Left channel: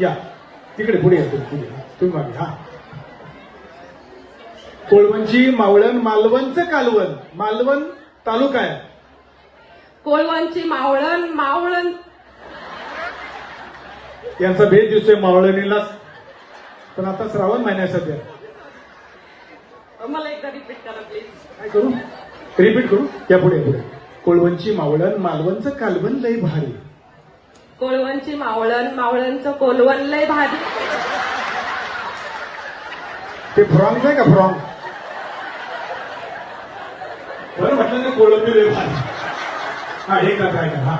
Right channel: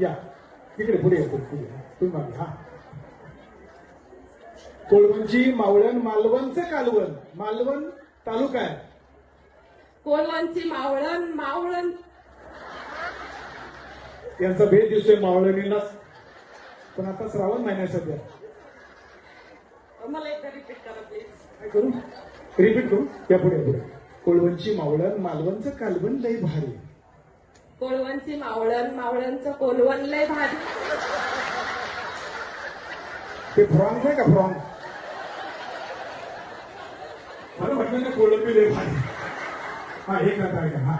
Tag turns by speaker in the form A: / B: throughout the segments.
A: या. तिकडे पुढे या तुम्ही. तुम्ही मागे हा. कोळवंची मावळण मालवणचं कालवण. मालवण तालुका आहे.
B: कोळवांची मावळण मावळण.
A: यांचा भेद दिसतोय मावळणीलाच पण आता श्रावण महिन्या सध्या.
B: मला एकदा रिपीट करा प्लीज
A: काय करू? रिपीट करू? या पुढे पुढे. कोळवंची मावळण मालवणचं कालवण लय भारी.
B: कोळवांची मावळण मावळणचं कोलवण लय भारी.
A: ते फ्रॉंग आहे का फ्रॉंग? बरं म्हटलं ना कोळंबी लय भारी. हा एक का काय हा.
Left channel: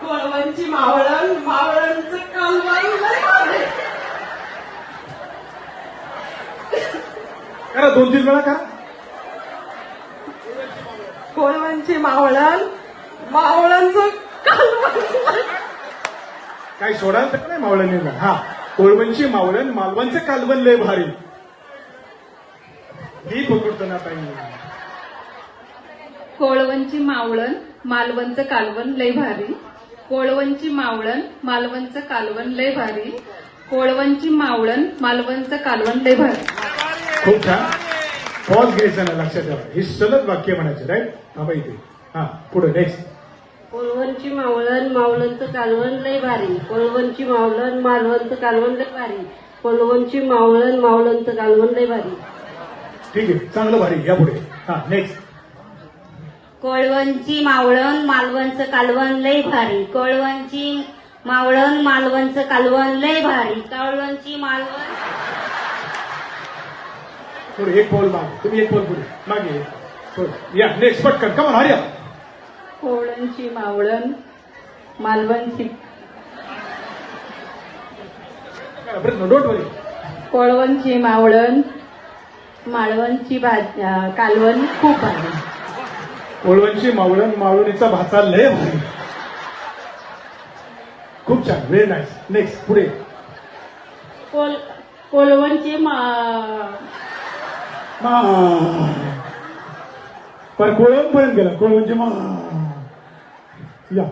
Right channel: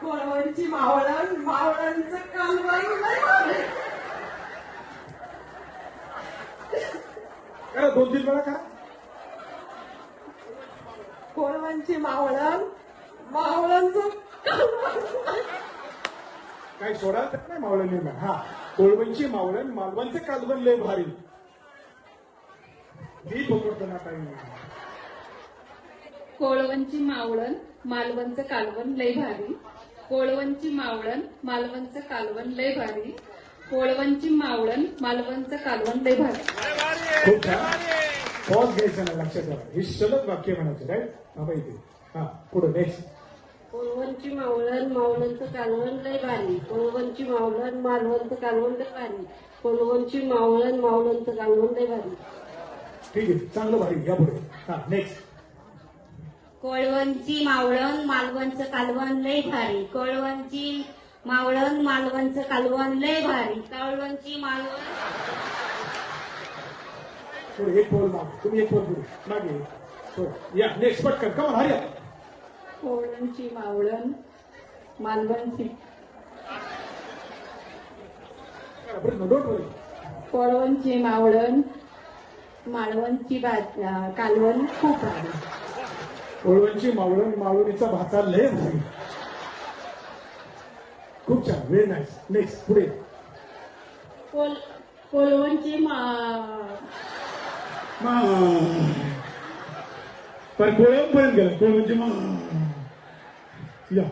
B: कोळवांची मावळण मावळणचं कालवण लय भारी.
A: करा दोन तीन वेळा करा.
B: कोळवांची मावळण मावळणचं
A: काय सोडाल तर नाही? मावळणीला हा. कोळवंची मावळण मालवणचं कालवण लय भारी. ही पकडतो ना ताई.
C: कोळवंची मावळण मालवणचं कालवण लय भारी. कोळवंची मावळण मालवणचं कालवण लय भारी. कोळवंची मावळण मालवणचं कालवण लय भारी.
A: खूप छान. पॉज घ्यायचा ना लक्षात ठेवा. ही सलग वाक्य म्हणायचे राईट थांबा इथे. हा पुढे नेक्स्ट
D: कोळवणची मावळण मावळणचं कालवण लय भारी. कोळवणची मावळण मालवणचं कालवण लय भारी. कोळवणची मावळण मावळणचं कालवण लय भारी.
A: ठीक आहे चांगलं भारी या पुढे. हा नेक्स्ट
E: कोळवणची मावळण मालवणचं कालवण लय भारी. कोळवणची मावळण मालवणचं कालवण लय भारी. कोळवणची मालवण.
A: पुढे एक पोल मागे तुम्ही एक पोल पुढे. मागे. पुढे. या नेक्स्ट पटकन. कमान हरिया
C: कोळवंची मावळण मालवणची कोळवणची मावळण मालवणची भाज अं, कालवण खूप भारी
A: कोळवंची मावळण मावळणीचा भाचा लय भारी. खूप छान. व्हेरी नाईस नेक्स्ट पुढे.
D: कोल कोळवणची मा
A: मा. पर कोळवण पर्यंत गेला. कोळवंची मा. या